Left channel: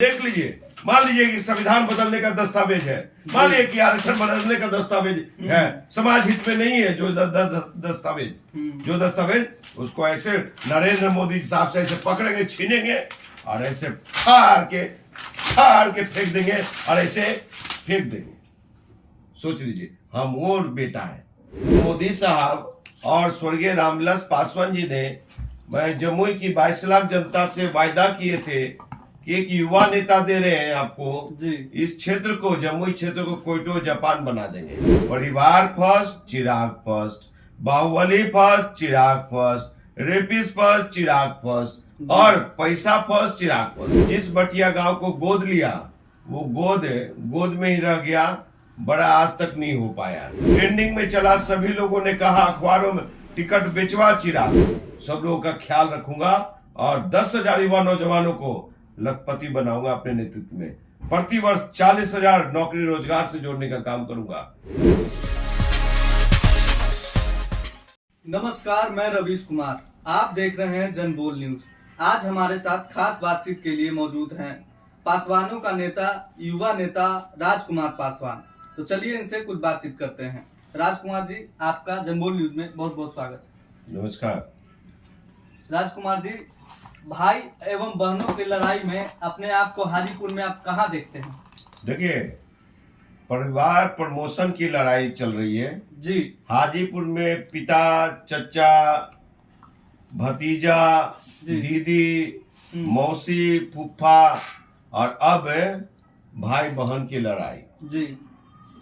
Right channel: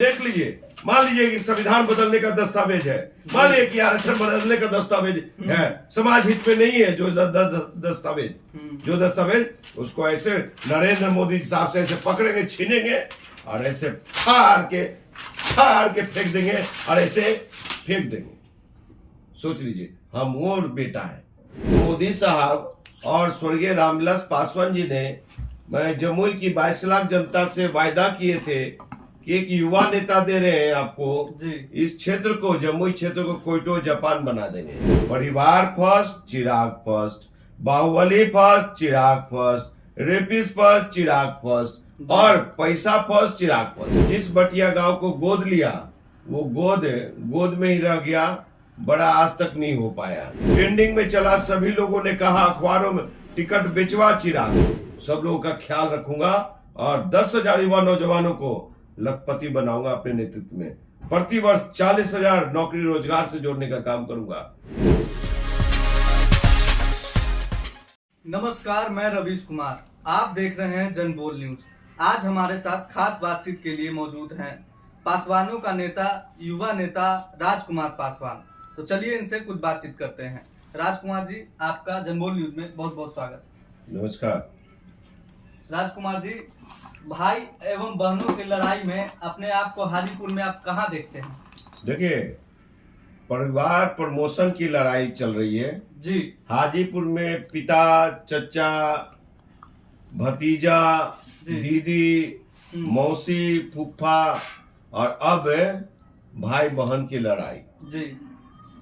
देख लीजिए, मान लीजिए कि संविधान बदलने का दस्तावेज है, मान लीजिए कि आरक्षण बदलने का दस्तावेज है, समाज हित में नहीं है जो दस्तावेज उसको ऐसे नरेंद्र मोदी साहब से ऐसे पकड़ेंगे, छीनेंगे और ऐसे फाड़ के फेंक देंगे और ऐसे फेंक देंगे। सोच लीजिए, हम और बेटा है मोदी साहब और स्वर्गीय रामविलास पासवान जी ने जमुई की 22 लाख जनता से वायदा किए थे कि एक युवा नेता दे रहे हैं आपको जी। इस क्षेत्र को, जमुई क्षेत्र को कोयटो जापान बना देंगे। परिवार फर्स्ट, चिराग फर्स्ट, बाहुबली फर्स्ट, चिराग फर्स्ट, रेपिस फर्स्ट, चिराग फर्स्ट और पैसा फर्स्ट, चिराग फर्स्ट। जिस बटिया गांव को गोद लिया वो गोद में ही रह गया, बड़ा आज तक नहीं हो पाया। ट्रेंडिंग में चला, सभी लोगों ने कहा, अखबारों में टिकट बेचवा चिराग। सब लोगों का ख्याल रखूंगा और 10,000 युवा नौजवानों को लखपति बनाऊंगा अपने नेतृत्व में। प्रति वर्ष 40,000 नौकरी रोजगार से जोड़ने का काम करूंगा। नमस्कार, मैं रवीश कुमार, आप देख रहे हैं जनबोल न्यूज। आज हमारे साथ खास बातचीत के लिए मौजूद हैं पासवानों का नेता, युवा नेता राजकुमार पासवान। तो चलिए इनसे कुछ बातचीत करते हैं। राजकुमार जी, आपका जनबोल न्यूज में बहुत बहुत स्वागत। नमस्कार। राजकुमार जी, भाई एवं बहनों की लड़ाई में अपने आप को हाजीपुर में आप कहाँ देखते हैं? देखिए, परिवार प्रमोशन की लड़ाई चल रही है जी। हाजीपुर में पिता, चचा, भतीजा, दीदी, मौसी, फूफा और अब भाई बहन की लड़ाई जी।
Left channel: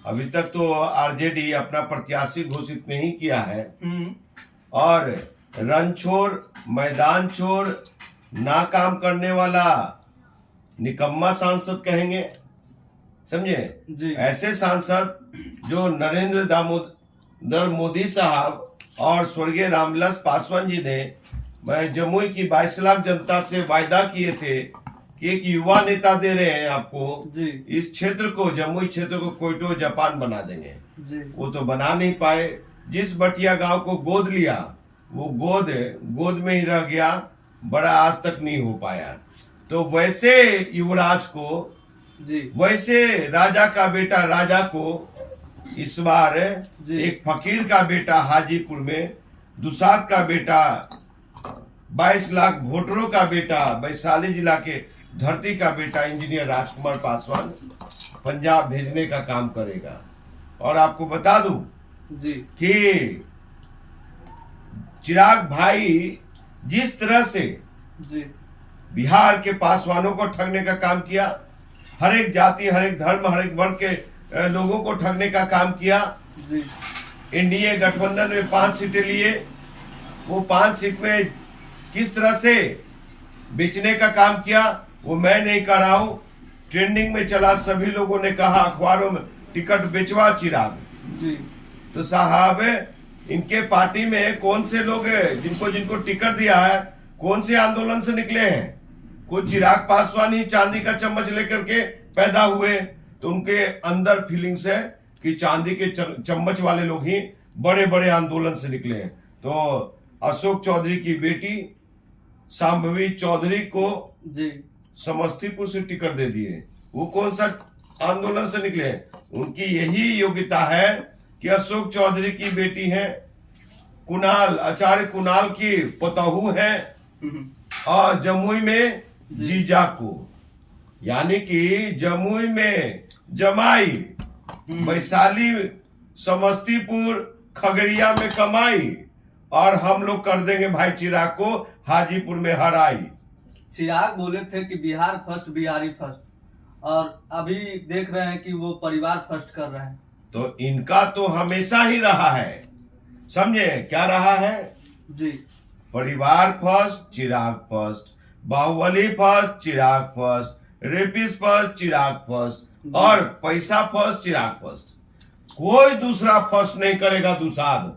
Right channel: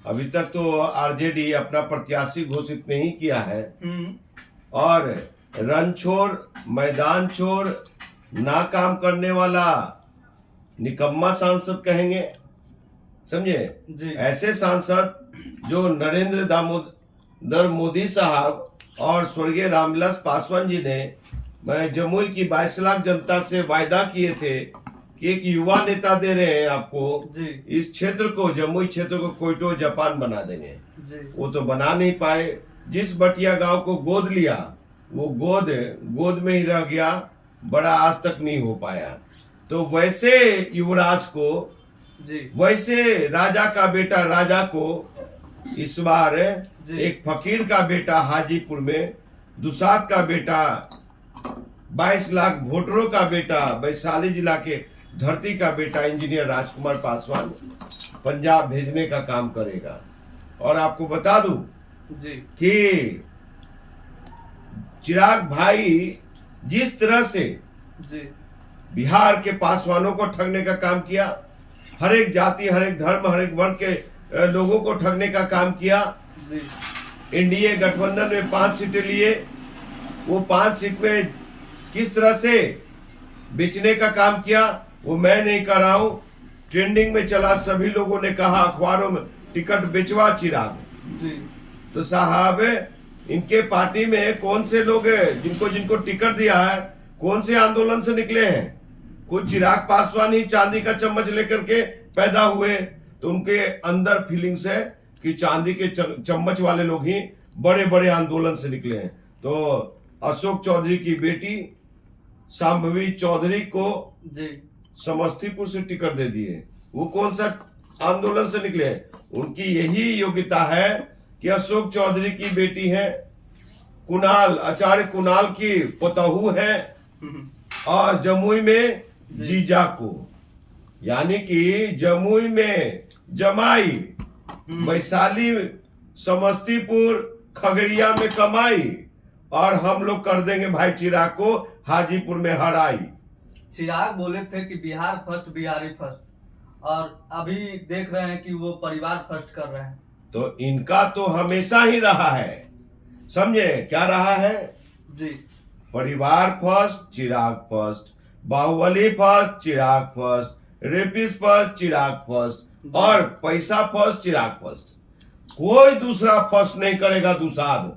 अभी तक तो आरजेडी अपना प्रत्याशी घोषित नहीं किया है और रन छोड़, मैदान छोड़, ना काम करने वाला निकम्मा सांसद कहेंगे, समझे? ऐसे सांसद जो नरेंद्र दामोदर मोदी साहब और स्वर्गीय रामविलास पासवान जी ने जमुई की 22 लाख जनता से वायदा किए थे कि एक युवा नेता दे रहे हैं आपको जी। इस क्षेत्र को, जमुई क्षेत्र को कोयटो जापान बना देंगे जी। वो तो बना नहीं पाए। जिस बटिया गांव को गोद लिया वो गोद में ही रह गया, बड़ा आज तक नहीं हो पाया। तो वैसे युवराज को जी, वैसे राजा का बेटा राजा को इस बार एक फकीर का बेटा हाजीपुर में, दुसाद का बेटा, 22 लाख वोटरों का बेटा, वैशाली जिला के धरती का बेटा इंजीनियर राजकुमार पासवान पंजाब भेजने का काम करेगा। और आपको बता दूं जी कि चिराग भाई जिस तरह से जी बिहार के पासवानों को ठगने का काम किया, हर एक जाति, हर एक धर्म, हर एक वर्ग के लोगों को ठगने का काम किया जी। एनडीए गठबंधन में 5 सीटें लिए, वो 5 सीट में किस तरह से बेचने का काम किया वो मैं नहीं कर रहा हूं। ट्रेंडिंग में चला, सभी लोगों ने कहा, अखबारों में टिकट बेचवा चिराग जी। तो साहब, इनके पार्टी में कौन से लोग हैं जिनको टिकट दिया है, कौन से आंदोलन से निकले हैं? कुछ चिराग पासवान ही चांदी का चम्मच लेकर के पैदा हुए, तो उनके अंदर फीलिंग्स है कि चांदी के चम्मच वाले लोग ही बड़े बड़े आंदोलन से निकले हैं। तो अशोक चौधरी की बेटी शांभवी चौधरी को जी समस्तीपुर से टिकट दे दिए, वो कौन सा आंदोलन से निकले हैं? उनकी यही योग्यता है कि अशोक चौधरी की बेटी है, कुणाल, आचार्य कुणाल की पतहू है और जमुई में जीजा को, यानी कि जमुई में जमाई, वैशाली, समस्तीपुर, खगड़िया में कमाई और हम लोग कर देंगे भाई चिराग को हाजीपुर में हराई। चिराग बोले थे कि बिहार फर्स्ट, बिहारी फर्स्ट, और अभी देख रहे हैं कि वो परिवार फर्स्ट कर रहे हैं। तो इनका तो हमेशा ही रहा है, समझे? क्या रहा है जी? परिवार फर्स्ट, चिराग फर्स्ट, बाहुबली फर्स्ट, चिराग फर्स्ट, रेपिस फर्स्ट, चिराग फर्स्ट और पैसा फर्स्ट, चिराग फर्स्ट। कोई दूसरा फर्स्ट नहीं करेगा। दुसाद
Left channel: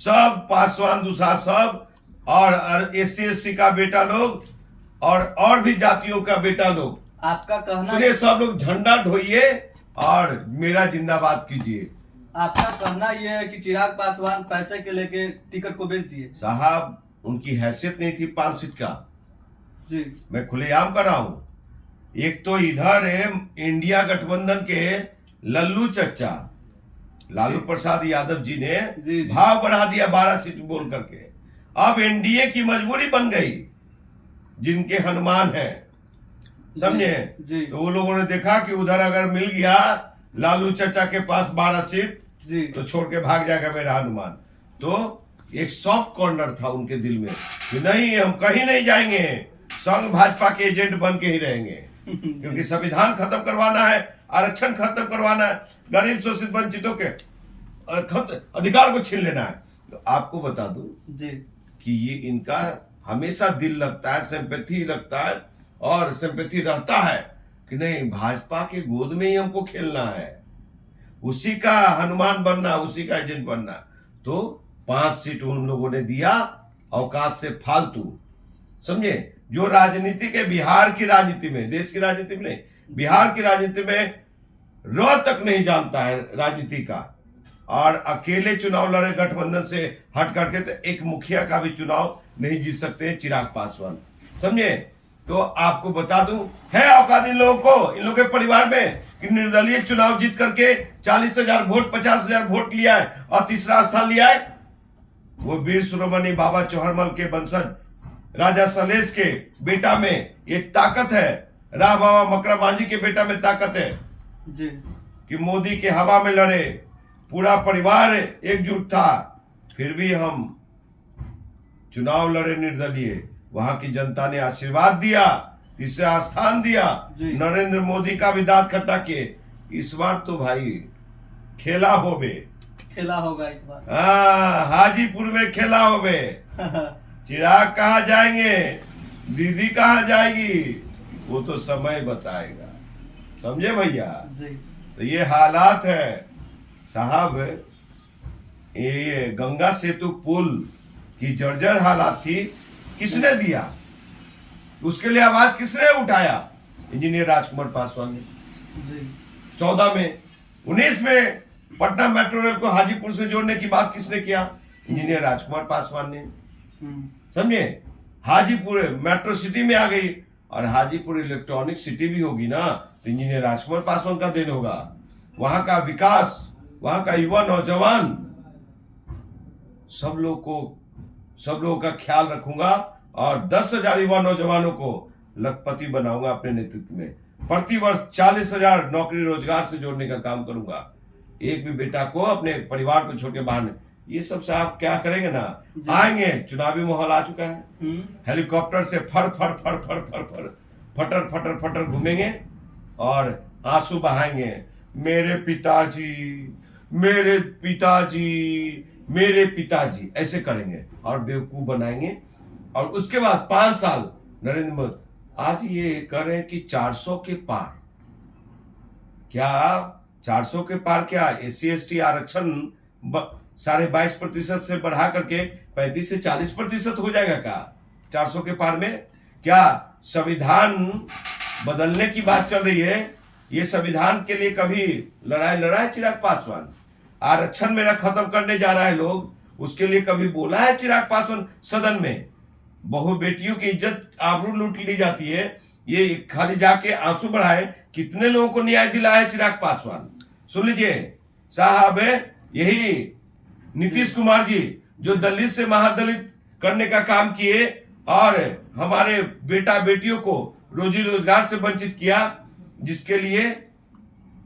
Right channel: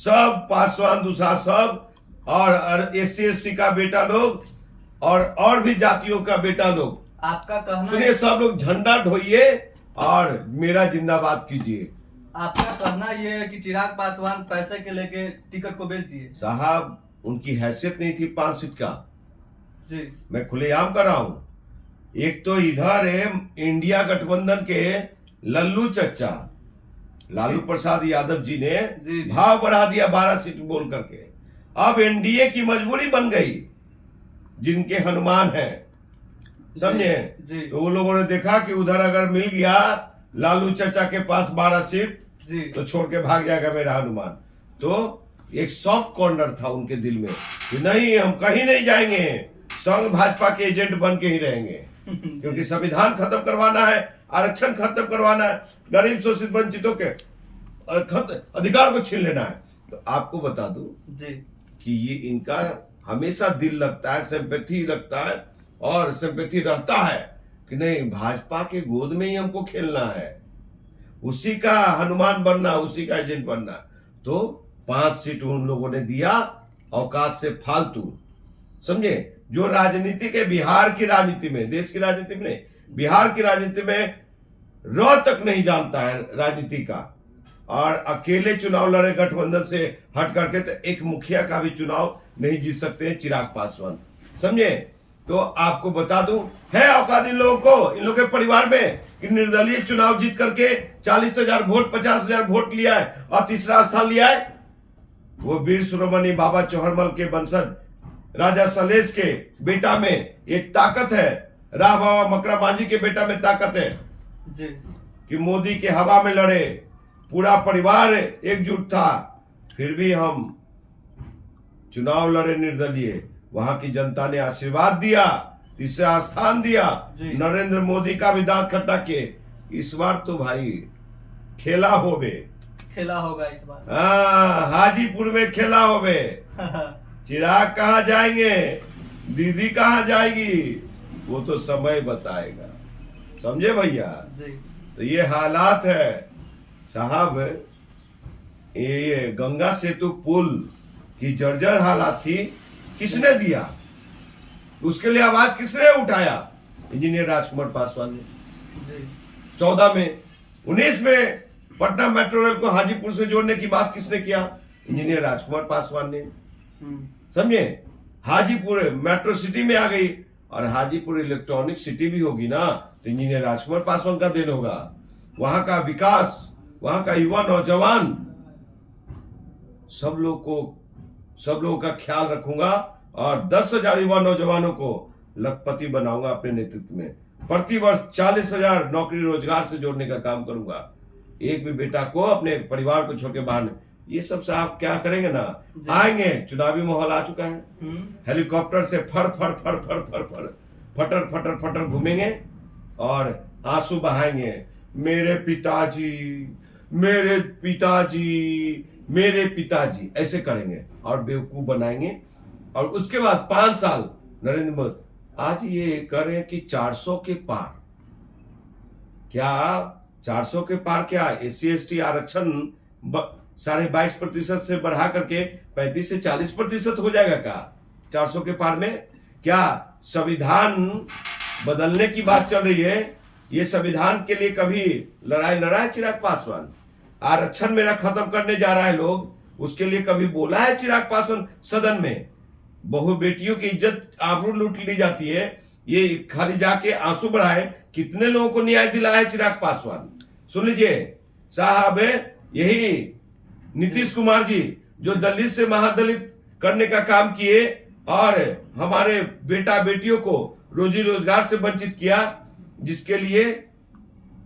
सब, पासवान दुसाद सब, और SC/ST का बेटा लोग और भी जातियों का बेटा लोग, आपका कहना सुनिए, सब लोग झंडा ढोइए और मेरा जिंदाबाद कीजिए। आपका कहना यह है कि चिराग पासवान पैसे के लेके टिकट को बेच दिए? साहब, उनकी हैसियत नहीं थी 5 सीट का जी। मैं खुलेआम कर रहा हूं। एक तो इधर है इंडिया गठबंधन के लल्लू चच्चा लालू प्रसाद यादव जी ने जी। भाव बढ़ा दिया 12 सीट बोल करके। अब एनडीए की मजबूरी बन गई, जिनके हनुमान है, समझे? जी। तो वो लोगों ने देखा कि उधर अगर मिल गया लालू चचा के पास 12 सीट जी। तो छोड़ के भाग जाएगा मेरा हनुमान। तो एक सॉफ्ट कॉर्नर था उनके दिल में कि नहीं, हम कहीं नहीं जाएंगे, संघ भाजपा के एजेंट बन के ही रहेंगे, क्योंकि संविधान खत्म करवाना है, आरक्षण खत्म करवाना है, गरीब शोषित वंचितों के अधिकार को छीन लेना है। तो आपको बता दूं जी कि ये इनका हमेशा दिल लगता है, सिंपैथी लगता है और सिंपैथी रहता है कि नहीं, भाजपा के गोद में ही हमको खेलना है, उसी का हनुमान बनना, उसी का एजेंट बनना। तो 5 सीट उन लोगों ने दिया अवकाश से फालतू, समझे? जो राजनीति के बिहार की राजनीति में, देश की राजनीति में नहीं, बिहार की राजनीति में रह तक नहीं जानता है राजनीति का, और अकेले चुनाव लड़े गठबंधन से हट करके, तो एक मुखिया का भी चुनाव नहीं जीत सकते चिराग पासवान, समझे? तो आपको बता दूं, है औकात इन लोगों को, इन लोगों के परिवार में, कि निर्दलीय चुनाव जीत करके 40,000 वोट, 50,000 वोट लिया है और तीसरा स्थान लिया है। वो वीर शिरोमणि बाबा चौहरमल के वंशज राजा सलेश के बेटा में ये ताकत है, राह बाबा मकरा मांझी के बेटा में ताकत है जी कि मोदी के हवा में लड़े, पूरा परिवार एकजुट था, फिर भी हम चुनाव लड़े निर्दलीय, वहां की जनता ने आशीर्वाद दिया, तीसरा स्थान दिया, जी। नरेंद्र मोदी का भी दांत खट्टा किए। इस बार तो भाई खेला होबे, खेला होगा इस बार। हाजीपुर में खेला होबे। चिराग कहाँ जाएंगे, दीदी कहाँ जाएगी, वो तो समय बताएगा, समझे भैया? जी तो ये हालात है साहब। ये गंगा सेतु पुल की जर्जर हालात थी, किसने दिया? उसके लिए आवाज किसने उठाया? इंजीनियर राजकुमार पासवान ने। जी 14 में, 19 में पटना मेट्रो रेल को हाजीपुर से जोड़ने की बात किसने किया? इंजीनियर राजकुमार पासवान ने, समझे? हाजीपुर मेट्रो सिटी में आ गई, और हाजीपुर इलेक्ट्रॉनिक सिटी भी होगी ना, तो इंजीनियर राजकुमार पासवान का देन होगा। वहां का विकास, वहां का युवा नौजवान, सब लोगों का ख्याल रखूंगा, और 10,000 युवा नौजवानों को लखपति बनाऊंगा अपने नेतृत्व में। प्रति वर्ष 40,000 नौकरी रोजगार से जोड़ने का काम करूंगा। एक भी बेटा को अपने परिवार को छोड़ के बाहर नहीं। ये सब से आप क्या करेंगे ना, आएंगे, चुनावी माहौल आ चुका है, हेलीकॉप्टर से फड़ फड़ फड़ फड़ फड़ फड़ फटर फटर फटर घूमेंगे और आंसू बहाएंगे, मेरे पिताजी, मेरे पिताजी, मेरे पिताजी, ऐसे करेंगे और बेवकूफ बनाएंगे। और उसके बाद 5 साल नरेंद्र मोदी आज ये करें कि 400 के पार, क्या 400 के पार, क्या SC/ST आरक्षण 22.5% से बढ़ा करके 35 से 40% हो जाएगा क्या 400 के पार में? क्या संविधान बदलने की बात चल रही है? ये संविधान के लिए कभी लड़ाई लड़ा है चिराग पासवान? आरक्षण मेरा खत्म करने जा रहा है लोग, उसके लिए कभी बोला है चिराग पासवान सदन में? बहु बेटियों की इज्जत आबरू लूट ली जाती है, ये खाली जाके आंसू बढ़ाए। कितने लोगों को न्याय दिलाया है चिराग पासवान? सुन लीजिए साहब, यही नीतीश कुमार जी जो दलित से महादलित करने का काम किए और हमारे बेटा बेटियों को रोजी रोजगार से वंचित किया, जिसके लिए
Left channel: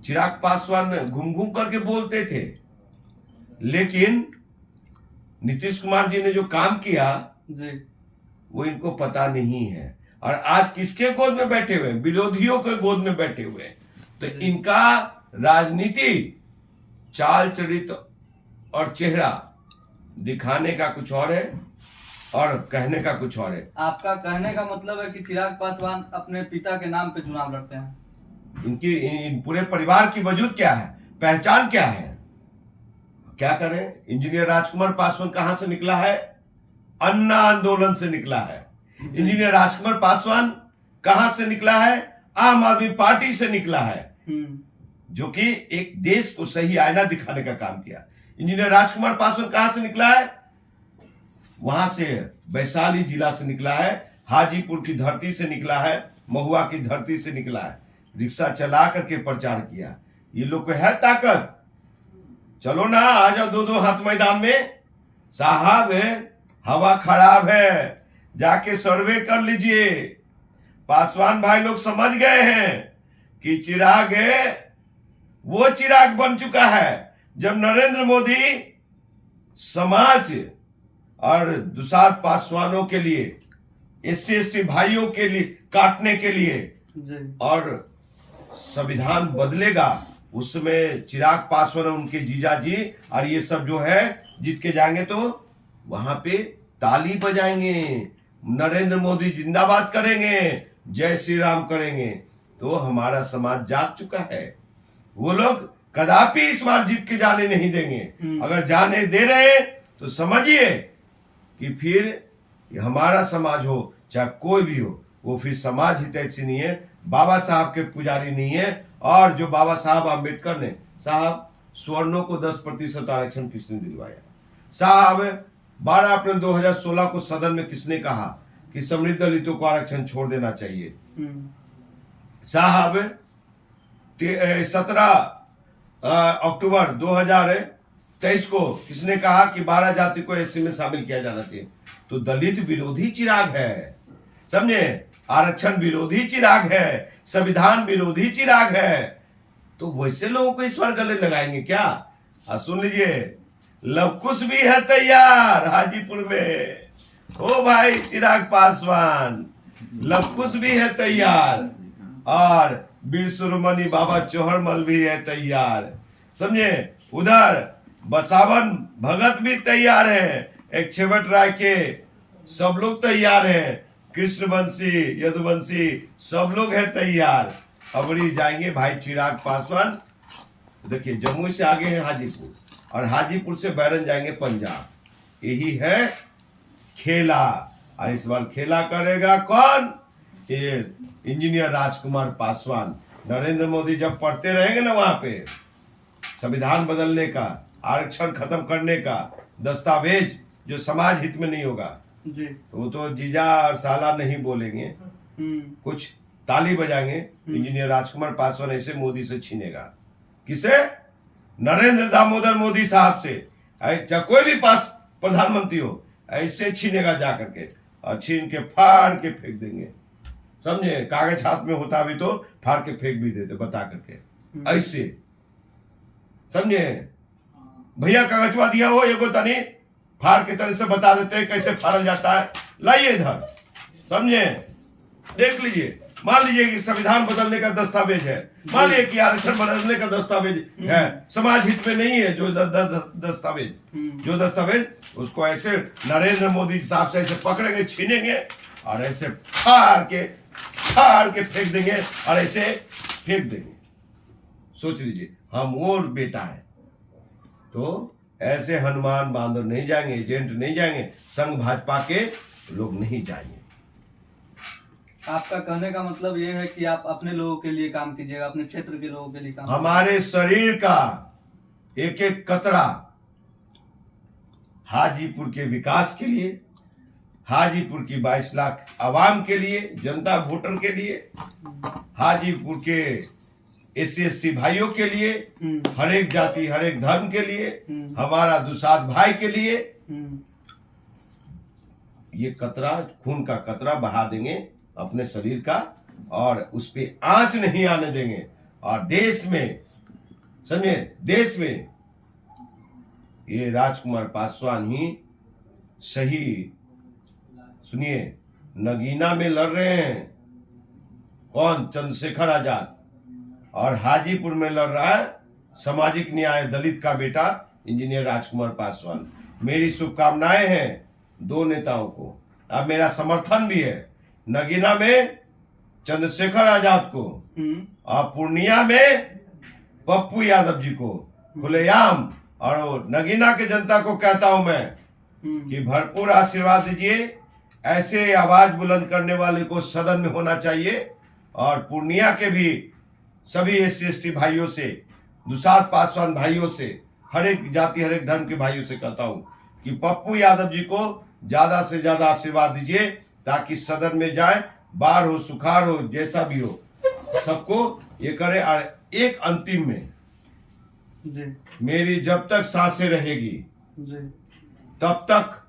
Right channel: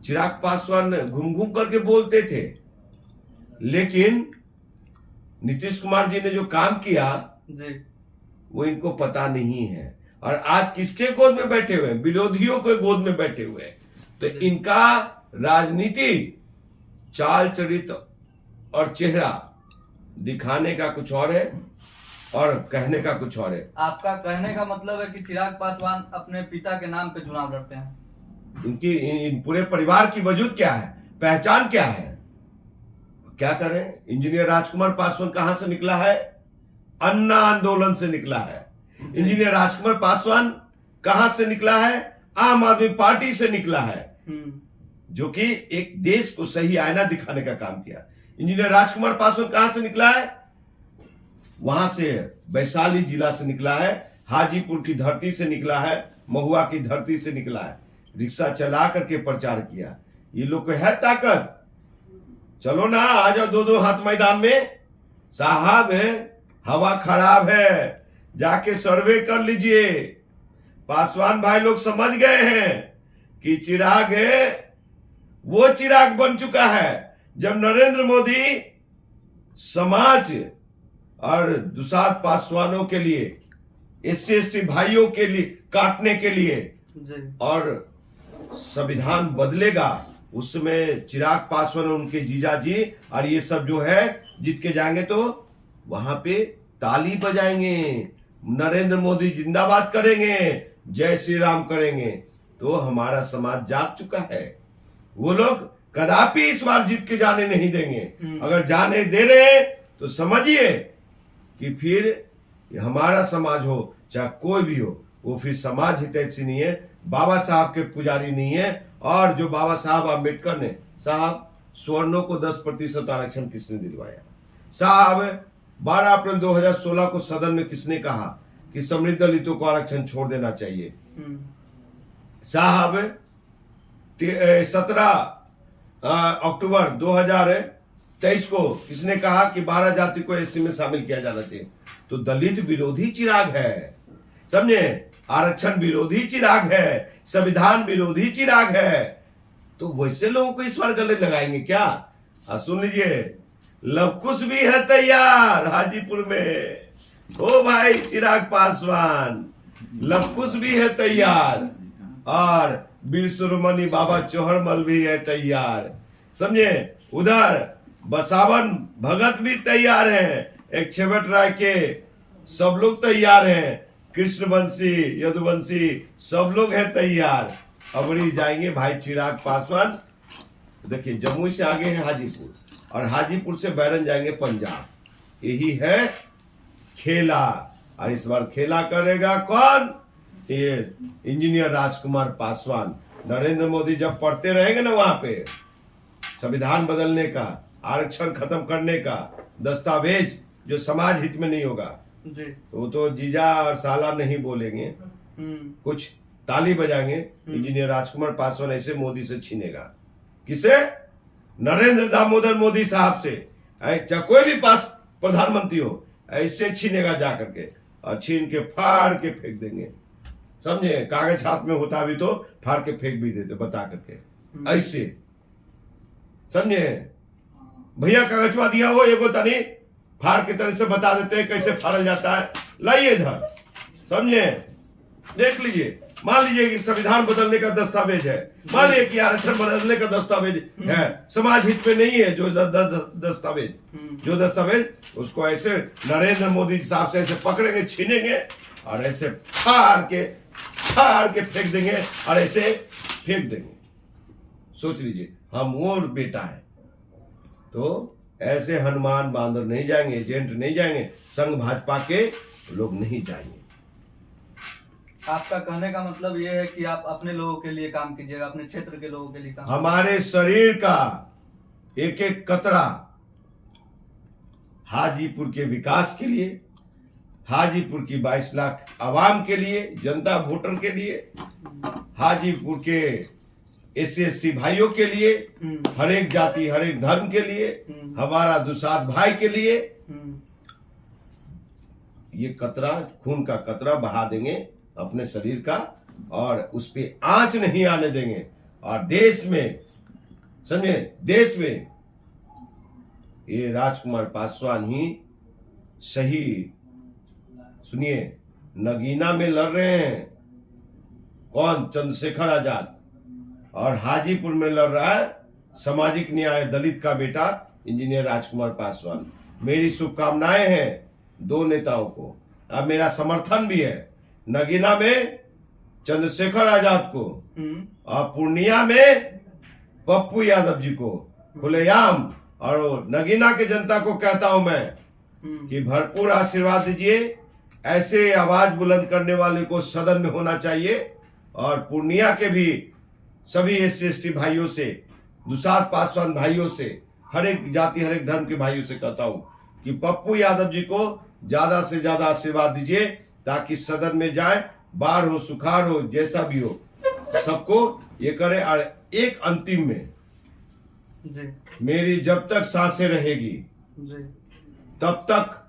चिराग पासवान घूम घूम करके बोलते थे, लेकिन नीतीश कुमार जी ने जो काम किया जी वो इनको पता नहीं है। और आज किसके गोद में बैठे हुए हैं? विरोधियों के गोद में बैठे हुए हैं। तो इनका राजनीति, चाल चरित्र और चेहरा दिखाने का कुछ और है और कहने का कुछ और है। आपका कहने का मतलब है कि चिराग पासवान अपने पिता के नाम पे चुनाव लड़ते हैं? इन पूरे परिवार की वजूद क्या है, पहचान क्या है? क्या करें? इंजीनियर राजकुमार पासवान कहां से निकला है? अन्ना आंदोलन से निकला है। इंजीनियर राजकुमार पासवान कहां से निकला है? आम आदमी पार्टी से निकला है, जो कि एक देश को सही आईना दिखाने का काम किया। इंजीनियर राजकुमार पासवान कहां से निकला है? वहां से वैशाली जिला से निकला है, हाजीपुर की धरती से निकला है, महुआ की धरती से निकला है, रिक्शा चला करके प्रचार किया। ये लोग को है ताकत, चलो ना आ जाओ दो दो हाथ मैदान में। साहब हवा खराब है, जाके सर्वे कर लीजिए। पासवान भाई लोग समझ गए हैं कि चिराग वो चिराग बन चुका है जब नरेंद्र मोदी समाज और दुसाध पासवानों के लिए, एससी एसटी भाइयों के लिए काटने के लिए और संविधान बदलेगा, उसमें चिराग पासवान उनके जीजा जी और ये सब जो है जीत के जाएंगे तो वहां पे ताली बजाएंगे, नरेंद्र मोदी जिंदाबाद करेंगे, जय श्री राम करेंगे। तो हमारा समाज जाग चुका है। वो लोग कदापि इस बार जीत के जाने नहीं देंगे। अगर जाने दे रहे हैं तो समझिए कि फिर हमारा समाज हो चाहे कोई भी हो, वो फिर समाज हितैषी नहीं है, बाबा साहब के पुजारी नहीं है। और जो बाबा साहब आम्बेडकर ने, साहब स्वर्णों को 10% आरक्षण किसने दिलवाया? साहब 12 अप्रैल 2016 को सदन में किसने कहा कि समृद्ध दलितों को आरक्षण छोड़ देना चाहिए? साहब 17 अक्टूबर 2023 को किसने कहा कि 12 जाति को एससी में शामिल किया जाना चाहिए? तो दलित विरोधी चिराग है, समझे, आरक्षण विरोधी चिराग है, संविधान विरोधी चिराग है। तो वैसे लोगों को इस बार गले लगाएंगे क्या? सुन लीजिए, लवकुश भी है तैयार हाजीपुर में। ओ भाई चिराग पासवान, लवकुश भी है तैयार और वीर शिरोमणि बाबा चौहरमल भी है तैयार, समझे। उधर बसावन भगत भी तैयार हैं, एक छेवट राय के सब लोग तैयार हैं, कृष्णवंशी यदुवंशी सब लोग हैं तैयार। अबड़ी जाएंगे भाई चिराग पासवान। देखिए जम्मू से आगे है हाजीपुर और हाजीपुर से बैरन जाएंगे पंजाब। यही है खेला। और इस बार खेला करेगा कौन? ये इंजीनियर राजकुमार पासवान। नरेंद्र मोदी जब पढ़ते रहेंगे ना वहां पे संविधान बदलने का, आरक्षण खत्म करने का दस्तावेज जो समाज हित में नहीं होगा जी, तो वो तो जीजा और साला नहीं बोलेंगे, कुछ ताली बजाएंगे। इंजीनियर राजकुमार पासवान ऐसे मोदी से छीनेगा। किसे? नरेंद्र दामोदर मोदी साहब से, चाहे कोई भी पास प्रधानमंत्री हो, ऐसे छीनेगा जाकर के और छीन के फाड़ के फेंक देंगे, समझे। कागज हाथ में होता भी तो फाड़ के फेंक भी देते बता करके, ऐसे, समझे। भैया कागजवा दिया हो एगो तनी फाड़ के तरह से बता देते हैं कैसे फाड़ा जाता है, लाइए इधर, समझे, देख लीजिए। मान लीजिए कि संविधान बदलने का दस्तावेज है, मान लीजिए कि आरक्षण बदलने का दस्तावेज है, समाज हित में नहीं है जो दस्तावेज, उसको ऐसे नरेंद्र मोदी साहब से ऐसे पकड़ेंगे, छीनेंगे और ऐसे फाड़ के फेंक देंगे और ऐसे फेंक देंगे। सोच लीजिए, हम वो बेटा है। तो ऐसे हनुमान बांदर नहीं जाएंगे, एजेंट नहीं जाएंगे, संघ भाजपा के लोग नहीं जाएंगे। आपका कहने का मतलब ये है कि आप अपने लोगों के लिए काम कीजिएगा, अपने क्षेत्र के लोगों के लिए काम। हमारे शरीर का एक एक कतरा हाजीपुर के विकास के लिए, हाजीपुर की 22 लाख आवाम के लिए, जनता वोटर के लिए, हाजीपुर के एससी एसटी भाइयों के लिए, हर एक जाति हर एक धर्म के लिए, हमारा दुसाध भाई के लिए ये कतरा, खून का कतरा बहा देंगे अपने शरीर का और उस पे आंच नहीं आने देंगे। और देश में, समझे, देश में ये राजकुमार पासवान ही सही। सुनिए, नगीना में लड़ रहे हैं कौन? चंद्रशेखर आजाद। और हाजीपुर में लड़ रहा है सामाजिक न्याय दलित का बेटा इंजीनियर राजकुमार पासवान। मेरी शुभकामनाएं हैं दो नेताओं को, अब मेरा समर्थन भी है। नगीना में चंद्रशेखर आजाद को और पूर्णिया में पप्पू यादव जी को खुलेआम। और नगीना के जनता को कहता हूं मैं कि भरपूर आशीर्वाद दीजिए। ऐसे आवाज बुलंद करने वाले को सदन में होना चाहिए। और पूर्णिया के भी सभी एससी एसटी भाइयों से, दुसाध पासवान भाइयों से, हर एक जाति हर एक धर्म के भाइयों से कहता हूं कि पप्पू यादव जी को ज्यादा से ज्यादा आशीर्वाद दीजिए ताकि सदन में जाए, बाढ़ हो, सुखाड़ हो, जैसा भी हो, सबको ये करे। और एक अंतिम में जी मेरी जब तक सांसें रहेगी जी तब तक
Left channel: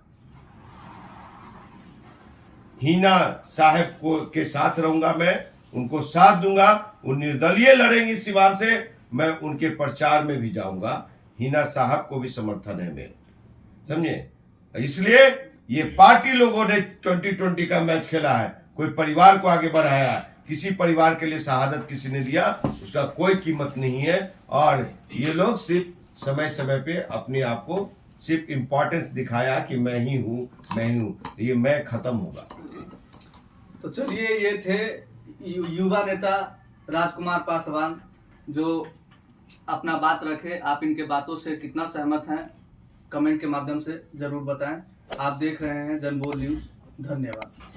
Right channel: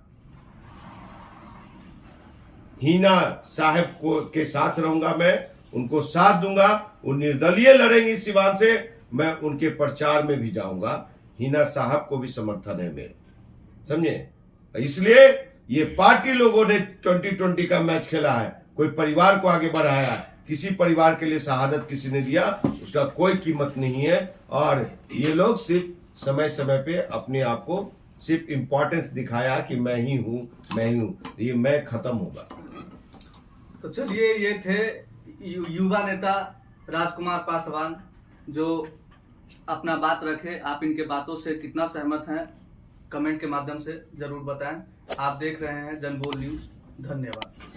हिना साहब को के साथ रहूंगा, मैं उनको साथ दूंगा। वो निर्दलीय लड़ेंगी सिवान से, मैं उनके प्रचार में भी जाऊंगा। हिना साहब को भी समर्थन है मेरा, समझे। इसलिए ये पार्टी लोगों ने 2020 का मैच खेला है, कोई परिवार को आगे बढ़ाया है। किसी परिवार के लिए शहादत किसी ने दिया, उसका कोई कीमत नहीं है। और ये लोग सिर्फ समय समय पे अपने आप को सिर्फ इम्पोर्टेंस दिखाया कि मैं ही हूं, ये मैं खत्म होगा। तो चलिए, ये थे युवा नेता राजकुमार पासवान, जो अपना बात रखे। आप इनके बातों से कितना सहमत हैं, कमेंट के माध्यम से जरूर बताएं। आप देख रहे हैं जनबोल न्यूज। धन्यवाद।